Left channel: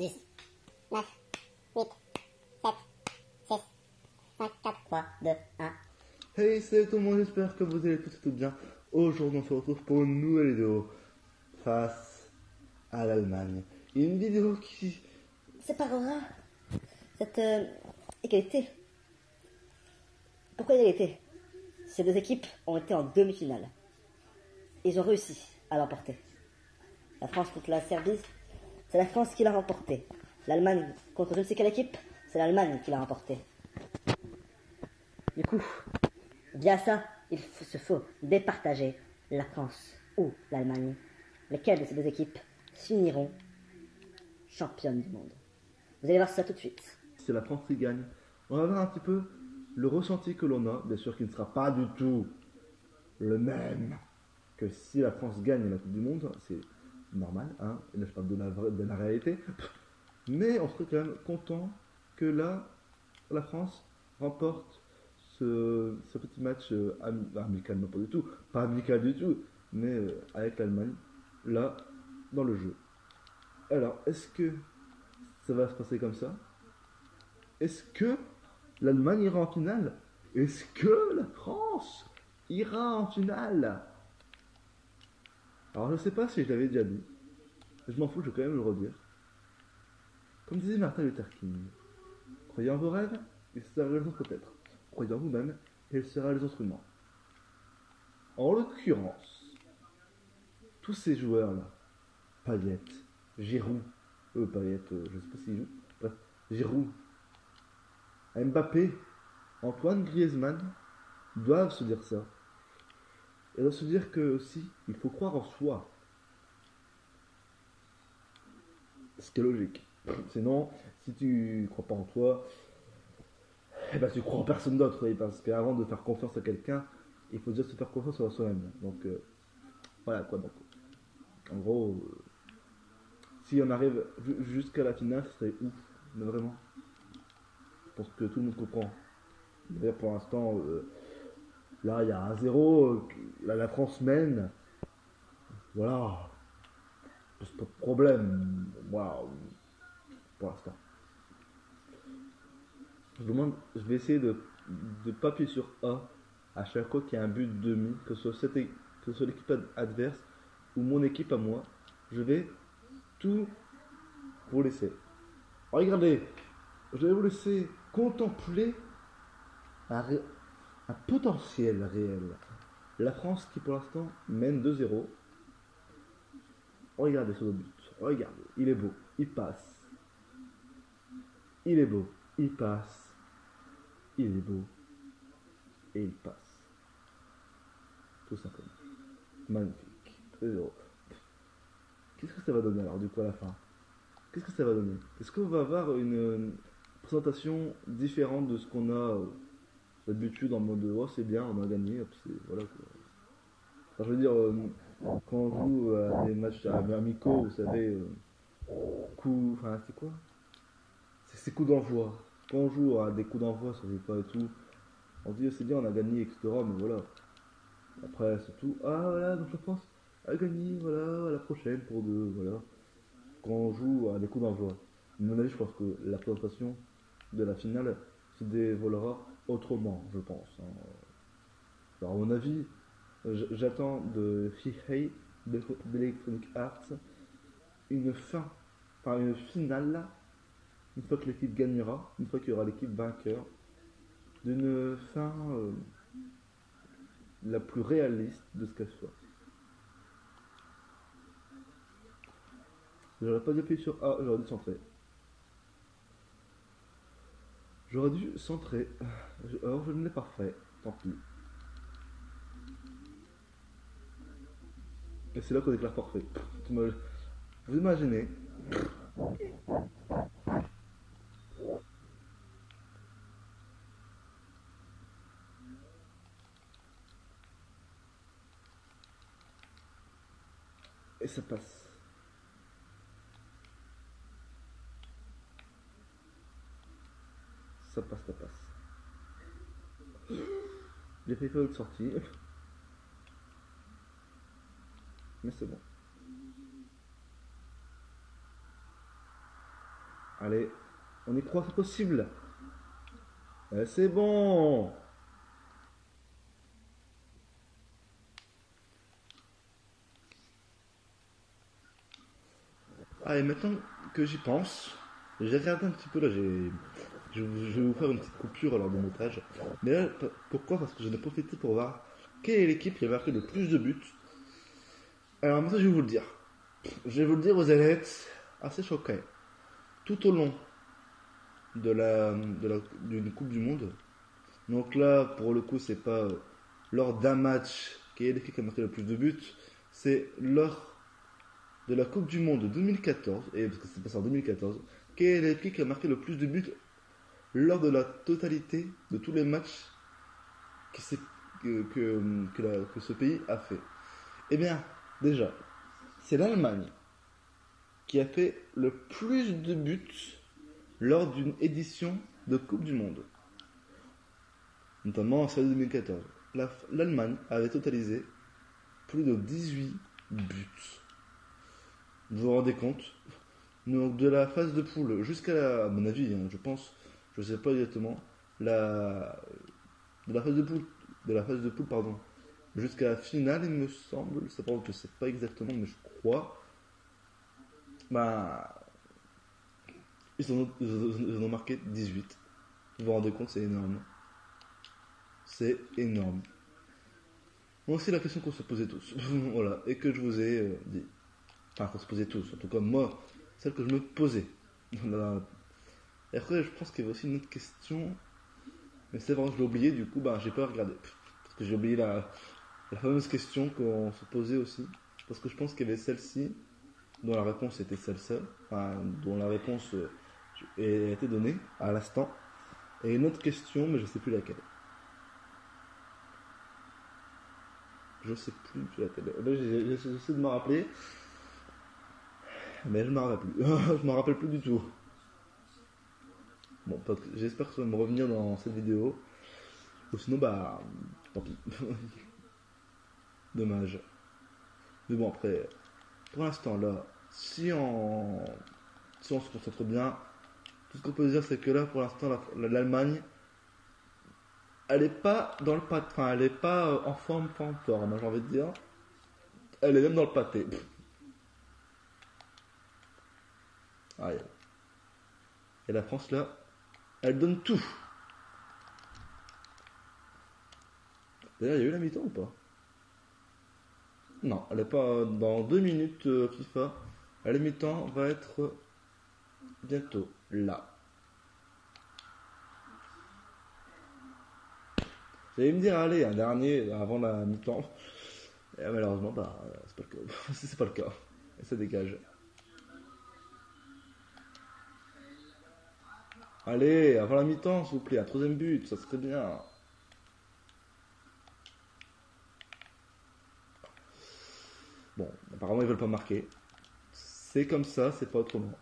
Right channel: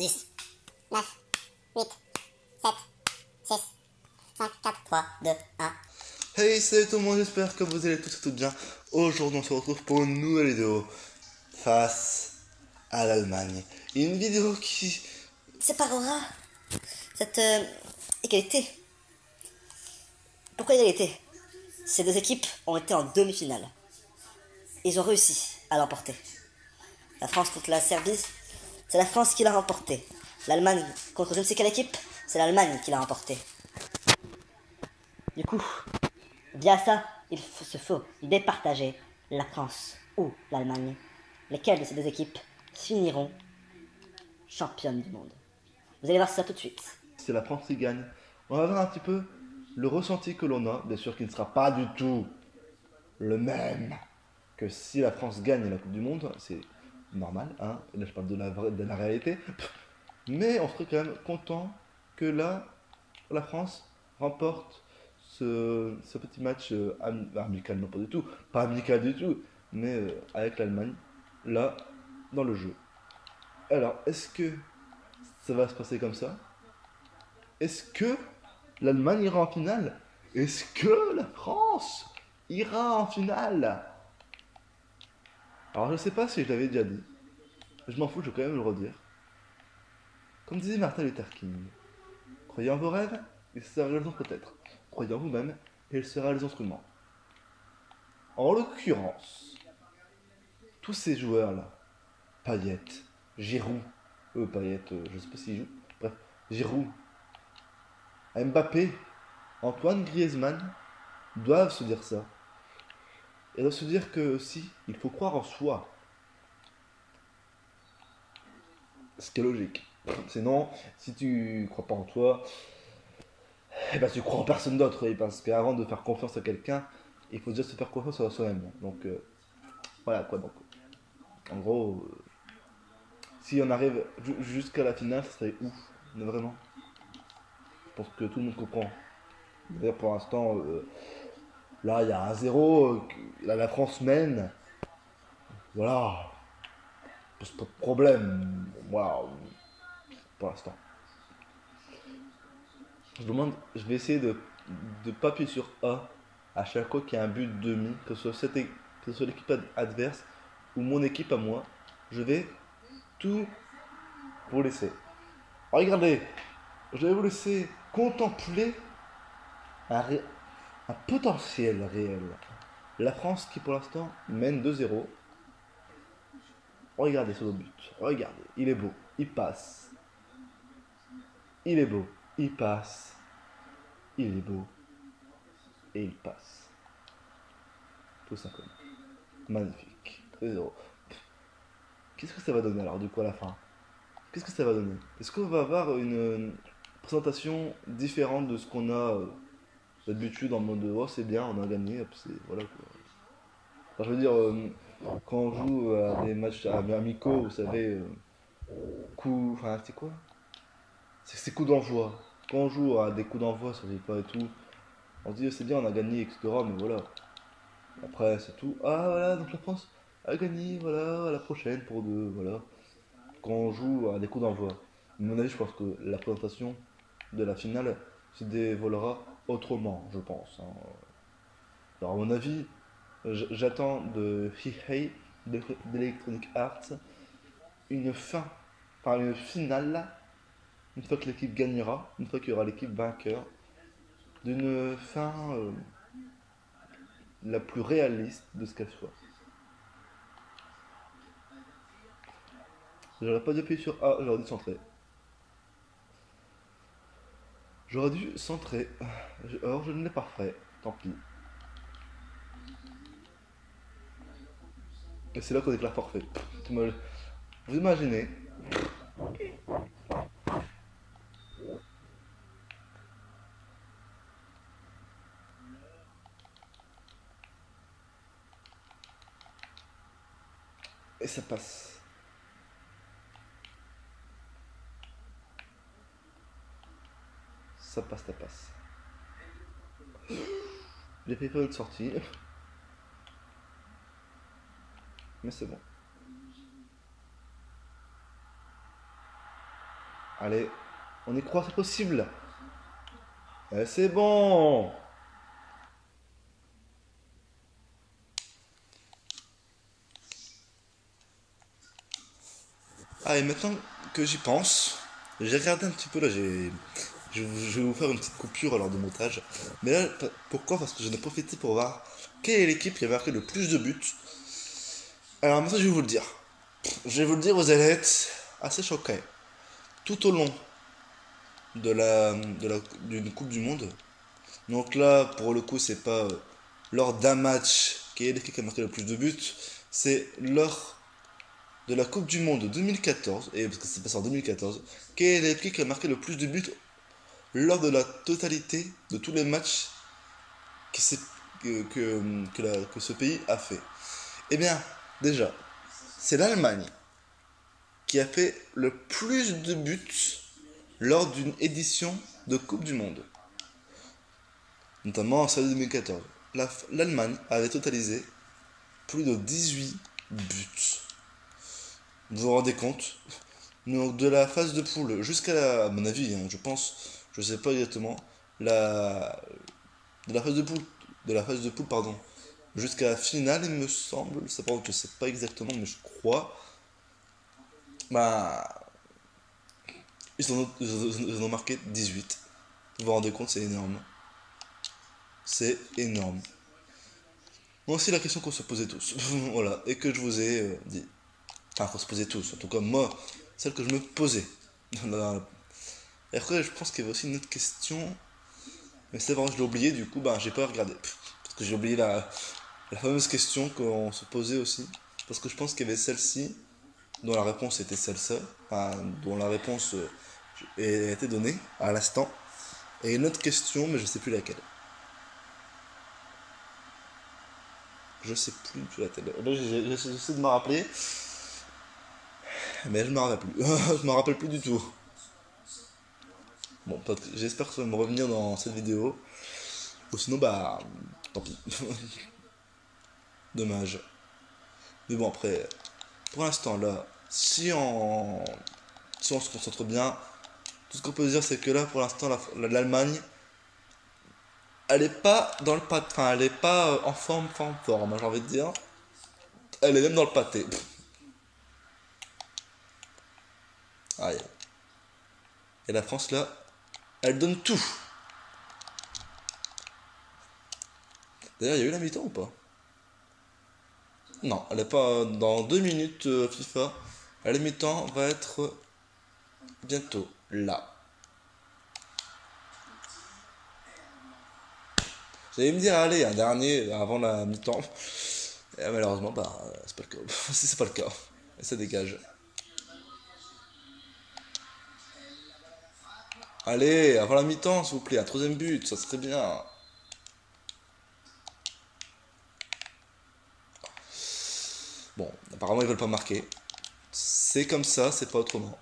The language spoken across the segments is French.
10, 9, 8, 7, 6, 5, 4, 3, 2, 1. Hey, salut tout le monde, j'espère que vous allez tous et toutes bien. Aujourd'hui, on se retrouve pour une nouvelle vidéo face à l'Allemagne. Une vidéo qui séparera cette égalité. Pourquoi égalité? Ces deux équipes ont été en demi-finale. Ils ont réussi à l'emporter. La France contre la Serbie, c'est la France qui l'a remporté. L'Allemagne contre je ne sais quelle équipe, c'est l'Allemagne qui l'a remporté. Du coup, via ça, il se faut départager la France ou l'Allemagne. Lesquelles de ces deux équipes finiront championnes du monde? Vous allez voir ça tout de suite. c'est la France qui gagne. On va voir un petit peu le ressenti que l'on a, bien sûr qui ne sera pas du tout le même que si la France gagne la Coupe du Monde, c'est normal, hein. Là je parle de la réalité. Mais on serait quand même content que là, la France remporte ce petit match amical, non pas du tout, pas amical du tout, mais avec l'Allemagne, là, dans le jeu. Alors, est-ce que ça va se passer comme ça? Est-ce que l'Allemagne ira en finale? Est-ce que la France ira en finale? Alors, je sais pas si je l'avais déjà dit. Je m'en fous, je vais quand même le redire. Comme disait Martin Luther King, croyez en vos rêves, et ça sera raison peut-être. Croyez en vous-même, et il sera les instruments. En l'occurrence, tous ces joueurs-là, Payet, Giroud, Payet, je sais pas s'il joue, bref, Giroud, Mbappé, Antoine Griezmann, doivent se dire ça. Et doivent se dire que aussi, il faut croire en soi. Ce qui est logique. Sinon, si tu crois pas en toi, eh ben tu crois en personne d'autre, oui, parce qu'avant de faire confiance à quelqu'un, il faut déjà se faire confiance à soi-même. Donc, voilà quoi. Donc, en gros, si on arrive jusqu'à la finale, ce serait ouf. Mais vraiment. Je pense que tout le monde comprend. D'ailleurs, pour l'instant, là, il y a un 0. Là, la France mène. Voilà. Pose pas de problème. Voilà. Pour l'instant. Je vais essayer de pas appuyer sur A à chaque fois qu'il y a un but de demi, que ce soit l'équipe adverse ou mon équipe à moi. Je vais tout vous laisser. Regardez, je vais vous laisser contempler un potentiel réel. La France qui pour l'instant mène 2-0. Regardez ce but. Regardez, il est beau, il passe. Il est beau, il passe. Il est beau et il passe. Tout simplement. Magnifique. 2-0. Qu'est-ce que ça va donner alors du coup à la fin? Qu'est-ce que ça va donner? Est-ce qu'on va avoir une présentation différente de ce qu'on a d'habitude en mode oh c'est bien, on a gagné, c'est voilà quoi. Enfin, je veux dire, quand on joue à des matchs amicaux, vous savez, enfin c'est quoi? C'est coups d'envoi. Quand on joue à des coups d'envoi sur FIFA et tout, on se dit c'est bien, on a gagné, etc. Mais voilà. Après c'est tout. Ah voilà, donc la France a gagné, voilà, à la prochaine pour deux, voilà. Quand on joue à des coups d'envoi. À mon avis, je pense que la présentation de la finale se dévoilera autrement, je pense, hein. Alors, à mon avis, j'attends de EA, d'Electronic Arts, une fin, enfin une finale, une fois que l'équipe gagnera, une fois qu'il y aura l'équipe vainqueur, d'une fin la plus réaliste de ce qu'elle soit. J'aurais pas dû appuyer sur A, j'aurais dû centrer. J'aurais dû centrer. Or, je ne l'ai pas fait. Tant pis. Et c'est là qu'on déclare forfait. Vous imaginez? Et ça passe. Ça passe, ça passe. J'ai fait faire une sortie. Mais c'est bon. Allez, on y croit, c'est possible. C'est bon. Ah, et maintenant que j'y pense, j'ai regardé un petit peu là, je vais vous faire une petite coupure lors du montage. Mais là, pourquoi? Parce que j'en ai profité pour voir quelle est l'équipe qui a marqué le plus de buts. Alors maintenant, je vais vous le dire. Je vais vous le dire, vous allez être assez choqués. Tout au long d'une Coupe du Monde. Donc là, pour le coup, c'est pas lors d'un match qui est l'équipe qui a marqué le plus de buts, c'est lors de la Coupe du Monde 2014, et parce que c'est passé en 2014, qui est l'équipe qui a marqué le plus de buts lors de la totalité de tous les matchs qui que ce pays a fait. Eh bien, déjà, c'est l'Allemagne qui a fait le plus de buts lors d'une édition de Coupe du Monde, notamment en celle de 2014. L'Allemagne avait totalisé plus de 18 buts. Vous vous rendez compte? Donc de la phase de poule jusqu'à à mon avis, hein, je pense, je sais pas exactement, la, de la phase de poule, pardon, jusqu'à la finale, il me semble, c'est pas, je sais pas exactement, mais je crois, bah, ils en ont marqué 18. Vous vous rendez compte, c'est énorme. C'est énorme. Moi aussi, la question qu'on se posait tous, voilà, et que je vous ai dit. Enfin, qu'on se posait tous, en tout cas moi, celle que je me posais. Et après, je pense qu'il y avait aussi une autre question, mais c'est vrai, je l'ai oublié, du coup, ben, j'ai pas regardé. Parce que j'ai oublié la fameuse question qu'on se posait aussi. Parce que je pense qu'il y avait celle-ci, dont la réponse était celle-ci, enfin, dont la réponse a été donnée à l'instant. Et une autre question, mais je sais plus laquelle. Je sais plus laquelle. Là, j'essaie de me rappeler. Mais je me rappelle plus. Je me rappelle plus du tout. Bon, j'espère que ça va me revenir dans cette vidéo. Ou sinon, bah, tant pis. Dommage. Mais bon, après, pour l'instant, là, si on se concentre bien, tout ce qu'on peut dire, c'est que là, pour l'instant, l'Allemagne, elle est pas dans le pâté. Enfin, elle est pas en forme, hein, j'ai envie de dire. Elle est même dans le pâté. Aïe. Et la France, là, elle donne tout. D'ailleurs, il y a eu la mi-temps ou pas? Non, elle est pas dans 2 minutes FIFA. La mi-temps va être bientôt là. J'allais me dire, allez, un dernier avant la mi-temps. Et malheureusement, bah, c'est pas le cas. C'est pas le cas. Et ça dégage. Allez, avant la mi-temps, s'il vous plaît, un troisième but, ça serait bien. Bon, apparemment, ils veulent pas marquer. C'est comme ça, c'est pas autrement.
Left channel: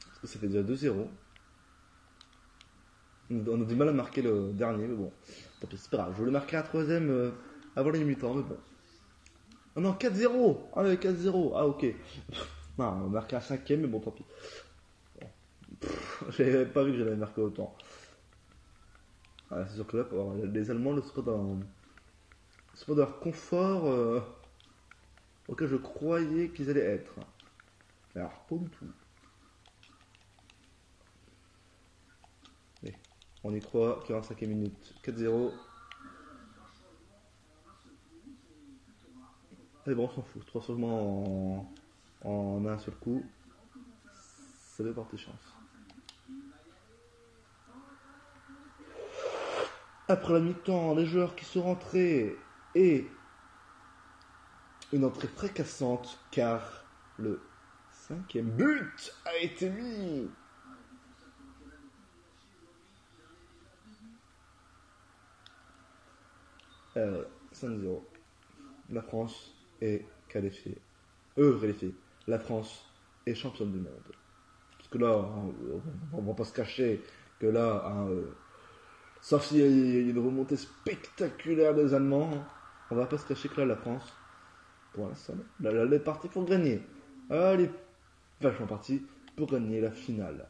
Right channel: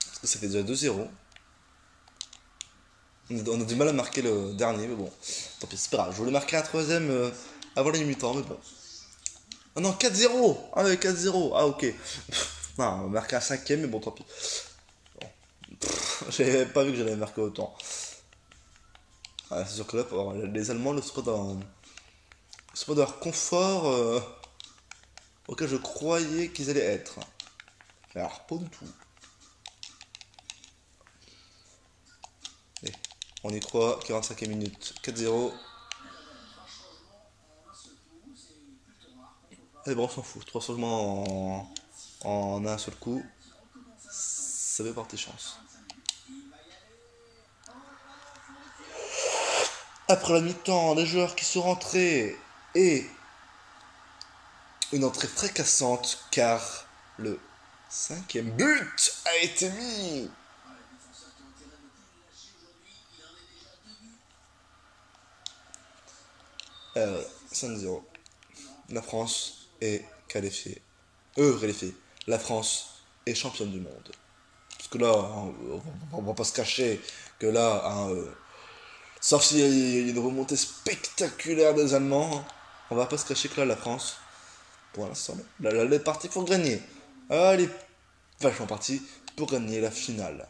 Parce que ça fait déjà 2-0. On a du mal à marquer le dernier, mais bon. Tant pis, c'est pas grave. Je voulais marquer un troisième avant la mi-temps, mais bon. Ah non, 4-0. Ah ouais, 4-0. Ah ok. Non, on va marquer un cinquième, mais bon, tant pis. Bon. J'avais pas vu que j'allais marquer autant. Ah, c'est sûr que là, les Allemands ne sont pas dans leur confort auquel je croyais qu'ils allaient être. Mais alors, pas du tout. Allez, on y croit, 45e minute, 4-0. Allez, bon, on s'en fout. 3 changements en un seul coup. Ça fait porter chance. Après la mi-temps, les joueurs qui sont rentrés et une entrée fracassante car le 5e but a été mis. Euh, 5-0. La France est qualifiée. Qualifiée. La France est championne du monde. Parce que là, hein, on va pas se cacher que là, hein, sauf s'il y a une remontée spectaculaire des Allemands, on va pas se cacher que là, la France, pour l'instant. Là, elle est partie pour gagner. Elle est vachement partie pour gagner la finale.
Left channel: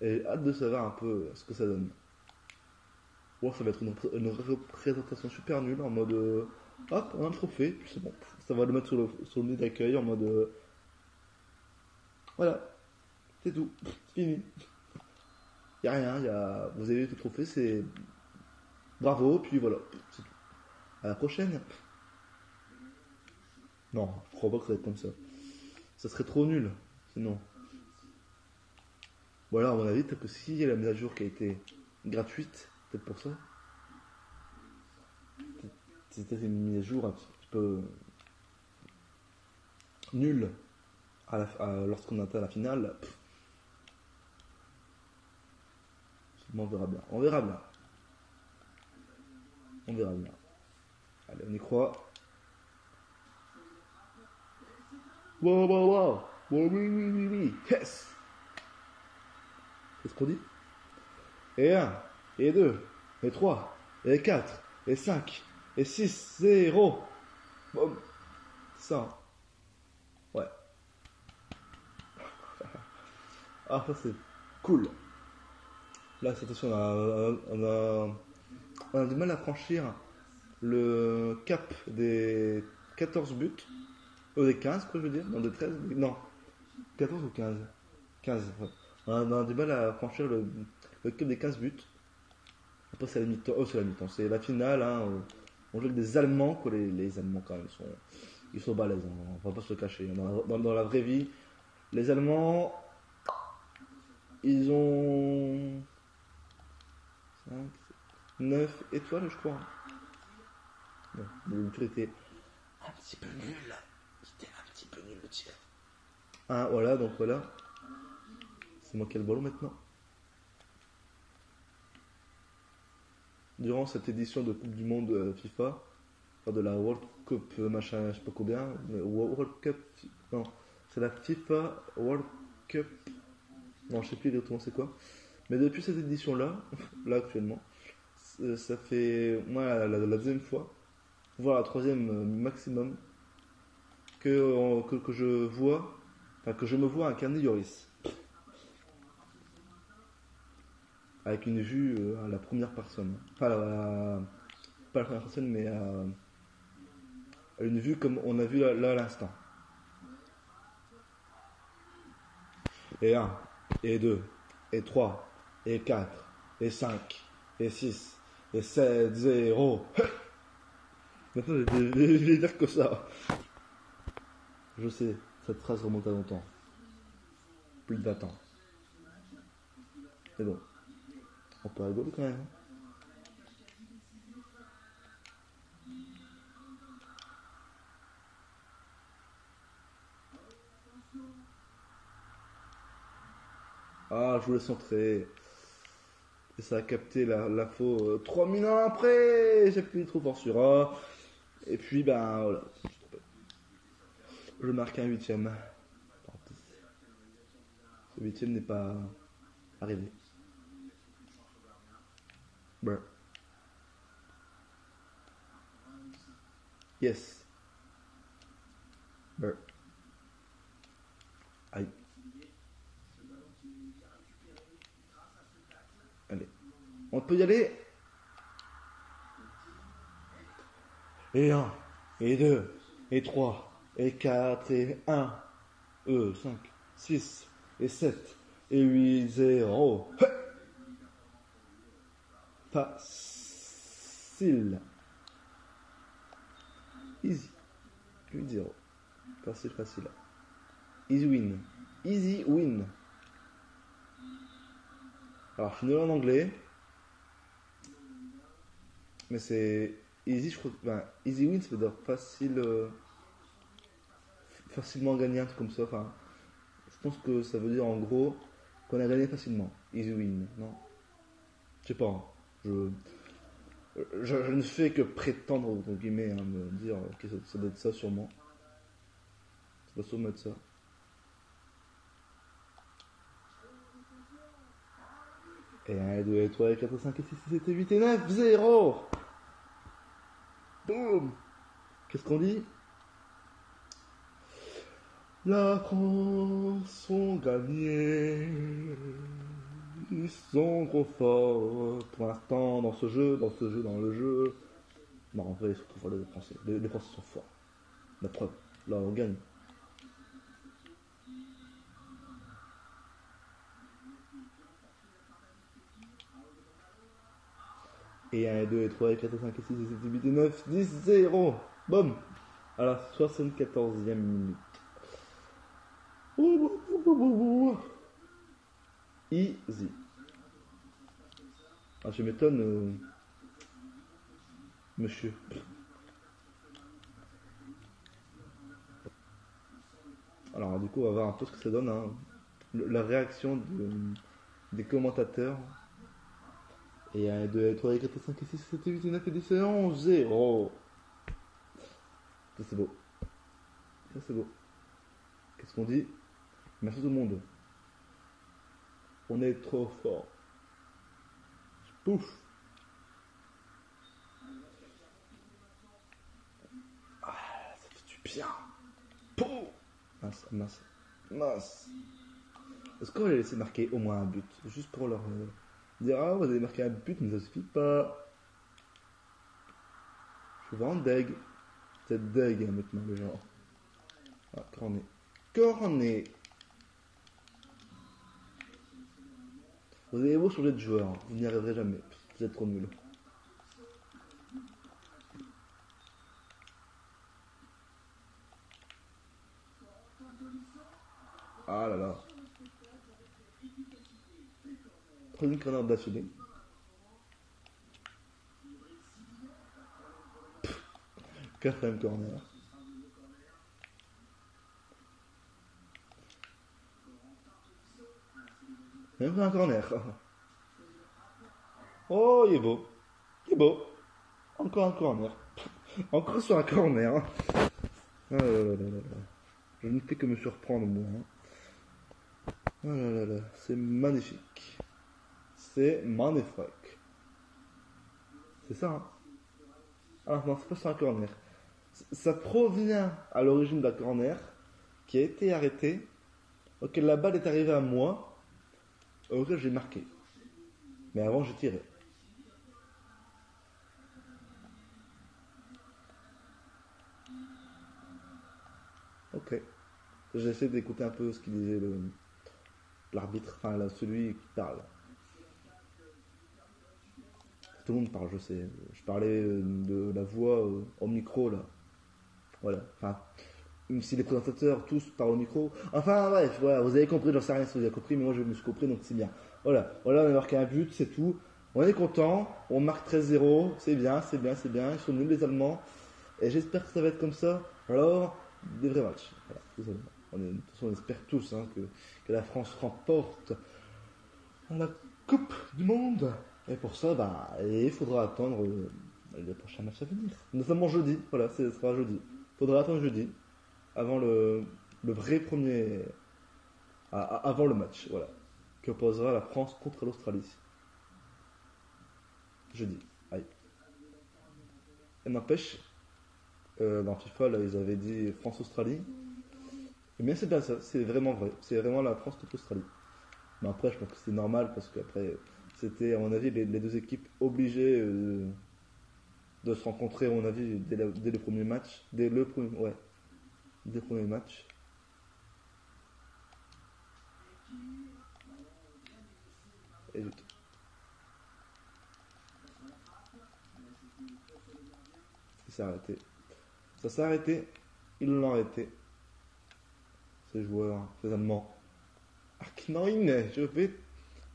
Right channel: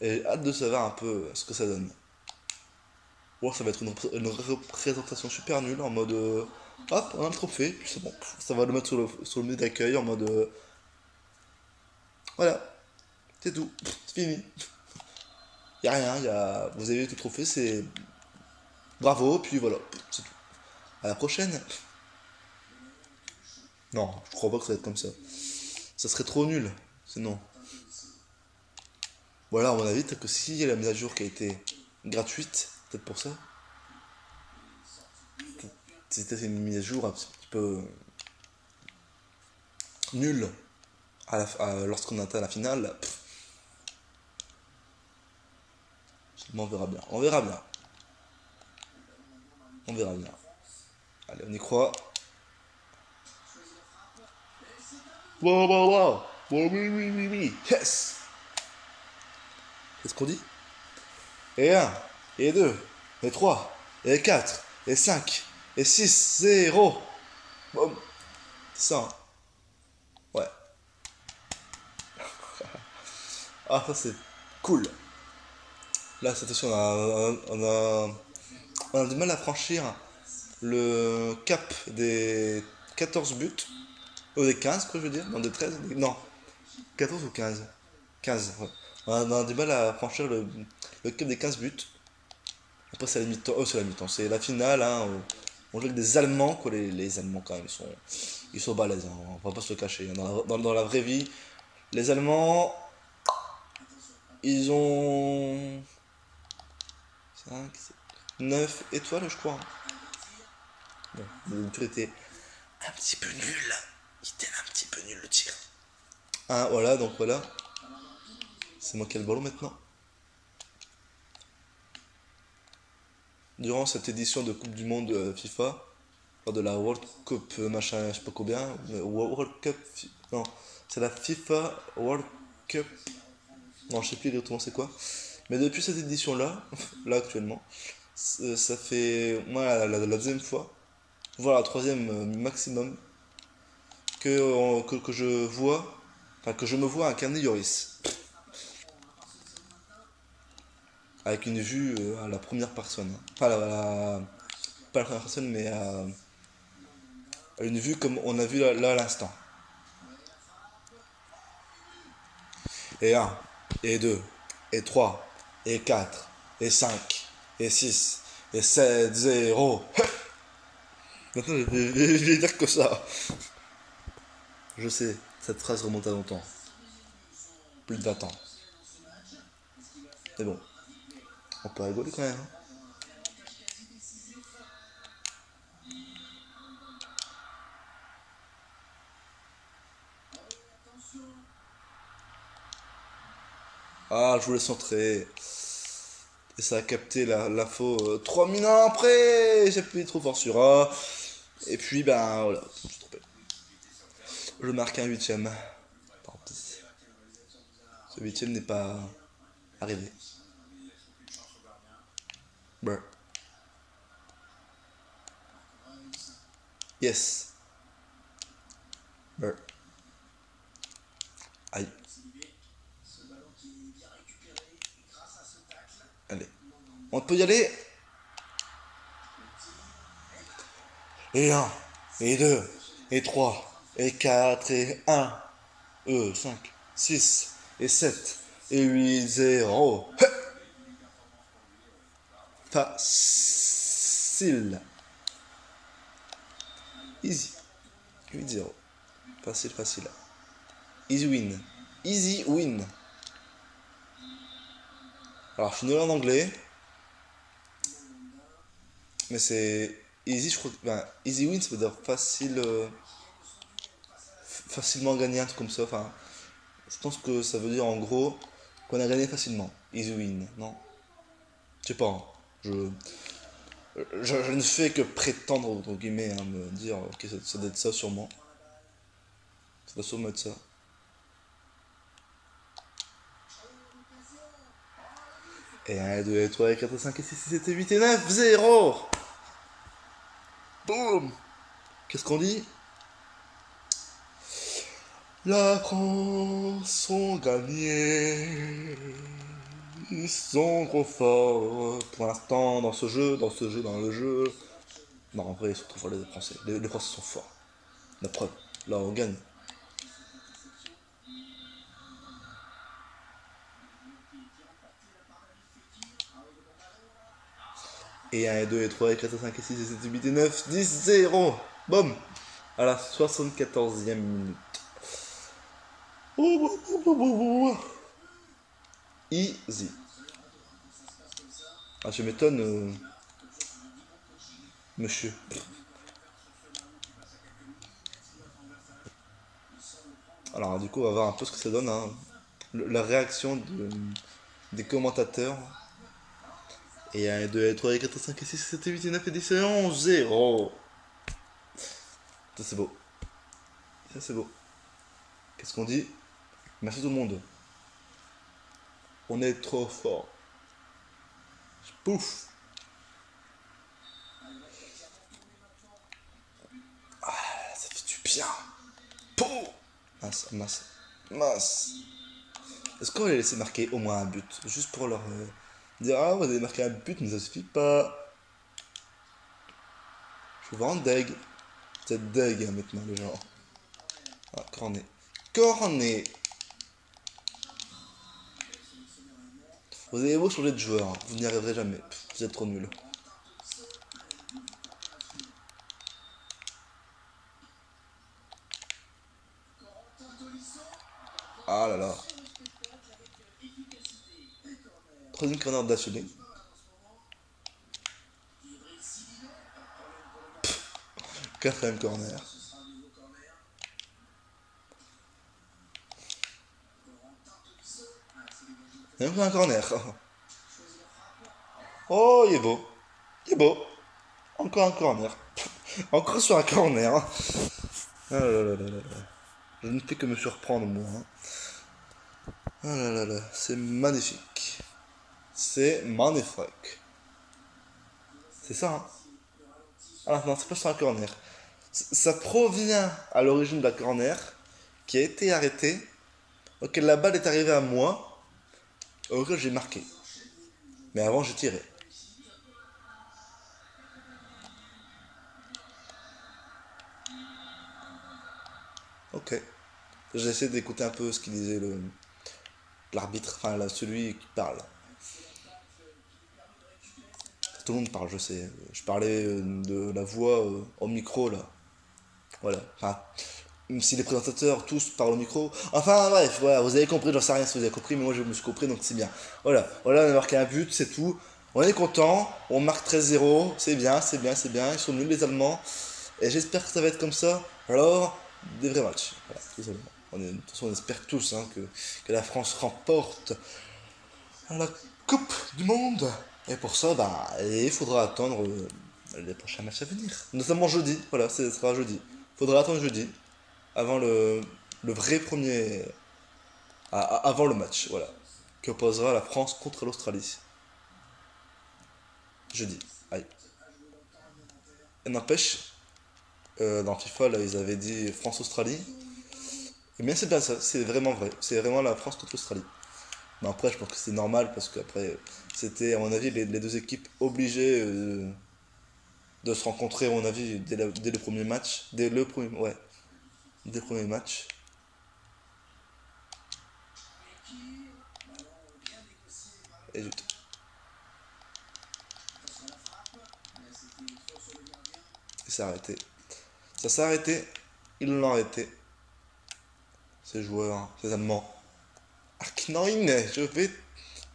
Et hâte de savoir un peu ce que ça donne. Ou ça va être une représentation super nulle en mode hop, on a le trophée, puis c'est bon. Ça va le mettre sur le nez d'accueil en mode voilà, c'est tout, c'est fini. Y'a rien, vous avez eu le trophée, c'est bravo, puis voilà, c'est tout. À la prochaine. Non, je crois pas que ça va être comme ça. Ça serait trop nul, sinon. Voilà, à mon avis, peut-être que s'il y a la mise à jour qui a été gratuite, peut-être pour ça. C'était une mise à jour un petit peu nulle lorsqu'on atteint la finale. On verra bien. On verra bien. On verra bien. Allez, on y croit. Wow, wow, wow. Wow, oui, oui, oui, oui. Yes. Qu'est-ce qu'on dit? Et 1, et 2, et 3, et 4, et 5, et 6, 0. Boum. Ça. Ouais. Ah, ça c'est cool. Là, cette fois, on a du mal à franchir le cap des 14 buts. Des 15, quoi, je veux dire. Non, des 13. Non, 14 ou 15. 15, ouais. On a du mal à franchir le cap des 15 buts. Après, c'est la mi-temps. C'est la mi-temps. C'est la finale. Hein, on joue avec des Allemands, quoi. Les Allemands, quand même, ils sont balèzes. Hein, on va pas se le cacher. Dans la vraie vie, les Allemands, ils ont 5, 9 étoiles, je crois. Bon, le tir était un petit peu nul. Il était un petit peu nul le tir. Ah, voilà, donc voilà. C'est moi qui ai le ballon maintenant. Durant cette édition de Coupe du Monde FIFA, de la World Cup machin, je sais pas combien, World Cup, non, c'est la FIFA World Cup, non, je sais plus exactement c'est quoi. Mais depuis cette édition-là, là actuellement, ça fait moi la deuxième fois, voire la troisième maximum, que je vois, enfin que je me vois incarner Yoris. Avec une vue à la première personne. Enfin, pas la première personne, mais à une vue comme on a vu là à l'instant. Et 1, et 2, et 3, et 4, et 5, et 6, et 7, 0. Maintenant, je vais dire que ça. Je sais, cette phrase remonte à longtemps. Plus de 20 ans. Mais bon, on peut rigoler quand même. Hein. Ah, je voulais centrer. Et ça a capté l'info 3000 ans après. J'ai appuyé trop fort sur A. Et puis, ben voilà. Je marque un huitième. Tant pis. Ce huitième n'est pas arrivé. Brr. Yes. Brr. Aïe. Allez. On peut y aller. Et 1, et 2, et 3, et 4, et 1, 5, 6, et 7, et 8, 0. Facile. Easy. 8, 0. Facile, facile. Easy win. Easy win. Alors, je suis nul en anglais. Mais c'est easy, je crois que. Ben, easy win, ça veut dire facile. Facilement gagné, un truc comme ça. Enfin, je pense que ça veut dire en gros qu'on a gagné facilement. Easy win, non? Je sais pas. Hein. Je ne fais que prétendre, entre guillemets, hein, me dire que ça doit être ça sûrement. Ça doit sûrement être ça. Et 1, 2, 3, 4, 5, 6, 7, 8 et 9, 0. Boum. Qu'est-ce qu'on dit? La France sont gagnés. Ils sont trop forts pour l'instant dans ce jeu, dans le jeu. Non, en vrai, ils sont trop forts les Français. Les Français sont forts. La preuve. Là, on gagne. Et 1, et 2, et 3, et 4, et 5, et 6, et 7, et 8, et 9, 10, 0. Boum. À la 74e minute. Easy. Ah, je m'étonne, monsieur. Alors, du coup, on va voir un peu ce que ça donne. Hein. La réaction des commentateurs. Et 1, 2, et 3, et 4, et 5, et 6, et 7, et 8, et 9, et 10, et 11, 0. Ça, c'est beau. Ça, c'est beau. Qu'est-ce qu'on dit? Merci tout le monde. On est trop fort. Pouf. Ça fait du bien. Pouf. Mince, mince, mince. Est-ce qu'on va les laisser marquer au moins un but? Juste pour leur dire, ah, vous avez marqué un but, mais ça suffit pas. Je suis vraiment deg. Vous êtes deg hein, maintenant, les gens. Ah, cornet. Cornet. Vous avez beau changer de joueur, hein. Vous n'y arriverez jamais. Pff, vous êtes trop nuls. Ah là là. Troisième corner d'affilée. Quatrième corner. Et encore un corner. Oh, il est beau. Il est beau. Encore un corner. Encore sur un corner. Hein. Ah là là là là là. Je ne fais que me surprendre, moi. Hein. Oh là là là. C'est magnifique. C'est magnifique. C'est ça, hein. Ah non, c'est pas sur un corner. Ça provient à l'origine de la corner qui a été arrêtée, auquel la balle est arrivée à moi, auquel j'ai marqué. Mais avant, j'ai tiré. Ok. J'ai essayé d'écouter un peu ce qu'il disait l'arbitre, enfin là, celui qui parle. Tout le monde parle, je sais. Je parlais de la voix au micro là. Voilà. Enfin, même si les présentateurs tous parlent au micro. Enfin bref, voilà, vous avez compris, j'en sais rien si vous avez compris, mais moi je me suis compris donc c'est bien. Voilà, voilà, on a marqué un but, c'est tout. On est content, on marque 13-0, c'est bien, c'est bien, c'est bien. Ils sont nuls les Allemands. Et j'espère que ça va être comme ça. Alors, des vrais matchs. Voilà, tout simplement. De toute façon, on espère tous hein, que la France remporte la Coupe du Monde. Et pour ça, bah, il faudra attendre les prochains matchs à venir. Notamment jeudi, voilà, ce sera jeudi. Il faudra attendre jeudi, avant le vrai premier. Avant le match, voilà. Qui opposera la France contre l'Australie. Jeudi. Aïe. Et n'empêche, dans FIFA, là, ils avaient dit France-Australie. Et bien, c'est bien ça, c'est vraiment vrai. C'est vraiment la France contre l'Australie. Mais après, je pense que c'est normal parce qu'après, c'était, à mon avis, les deux équipes obligées de se rencontrer, à mon avis, dès le premier match. Dès le premier match. Et zut. Et ça s'est arrêté. Ça s'est arrêté. Ils l'ont arrêté. Ces joueurs, ces Allemands. Arknein, je vais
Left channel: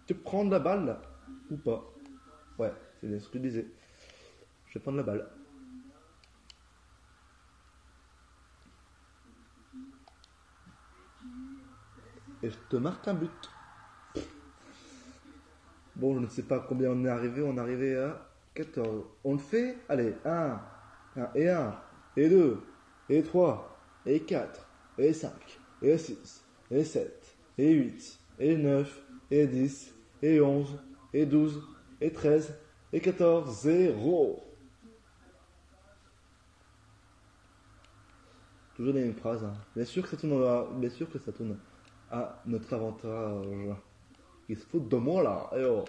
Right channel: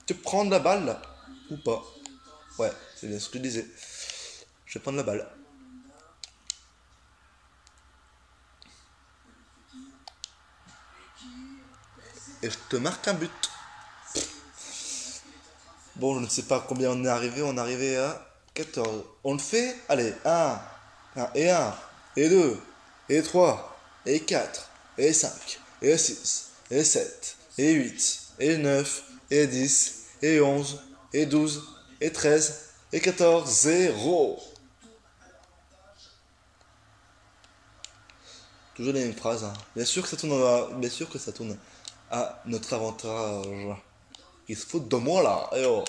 te prendre la balle là. Ou pas. Ouais, c'est bien ce que je disais. Je vais prendre la balle. Et je te marque un but. Bon, je ne sais pas combien on est arrivé. On est arrivé à 14. On le fait. Allez, un, et 2, et 3, et 4, et 5, et 6, et 7, et 8, et 9, et 10, et 11, et 12, et 13, et 14, 0. Toujours les mêmes phrases. Hein. Bien sûr que ça tourne à notre avantage. Ils se foutent de moi là. Eh oh.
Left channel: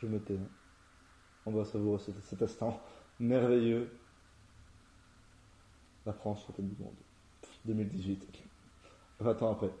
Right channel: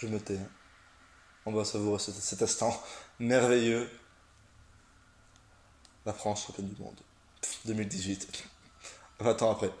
Je me tais. On va savourer cet instant merveilleux. La France championne du monde. 2018. 20 ans après.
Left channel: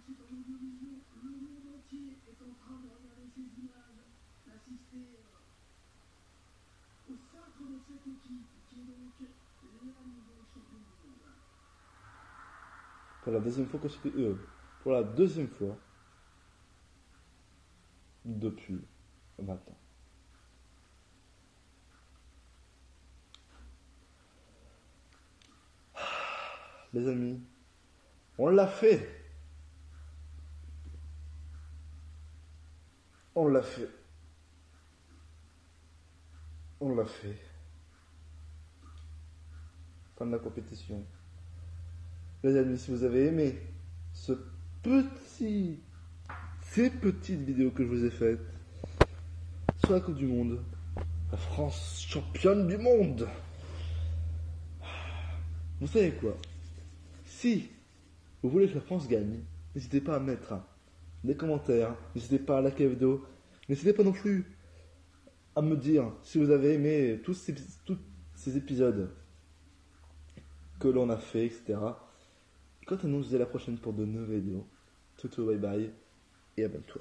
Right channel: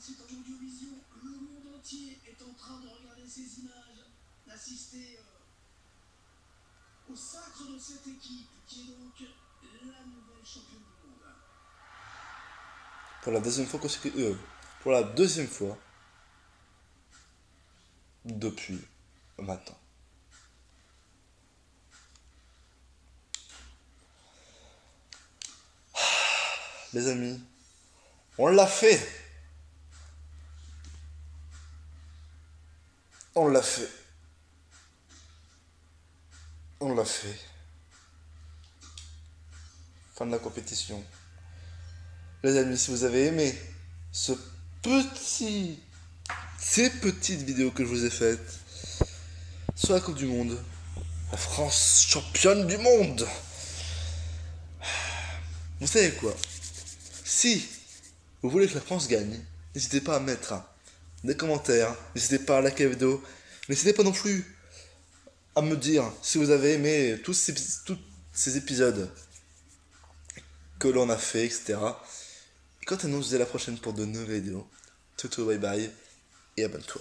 C'est en Audiovision, le monde entier est en train de regarder ces images, d'assister au sacre de cette équipe qui est donc la nouvelle championne du monde. Pour la deuxième fois pour la deuxième fois depuis 20 ans. Les amis, on l'a fait. On l'a fait. On l'a fait. Fin de la compétition. Les amis, si vous avez aimé ces petites vidéos que je vous ai faites sur la Coupe du Monde, la France championne du monde. Vous savez quoi? Si vous voulez que la France gagne, n'hésitez pas à mettre des commentaires, n'hésitez pas à liker la vidéo, n'hésitez pas non plus à me dire si vous avez aimé tous ces épisodes que l'on a fait, etc. Et quant à nous, je vous dis à la prochaine pour de nouvelles vidéos. Toto, bye bye et abonne-toi.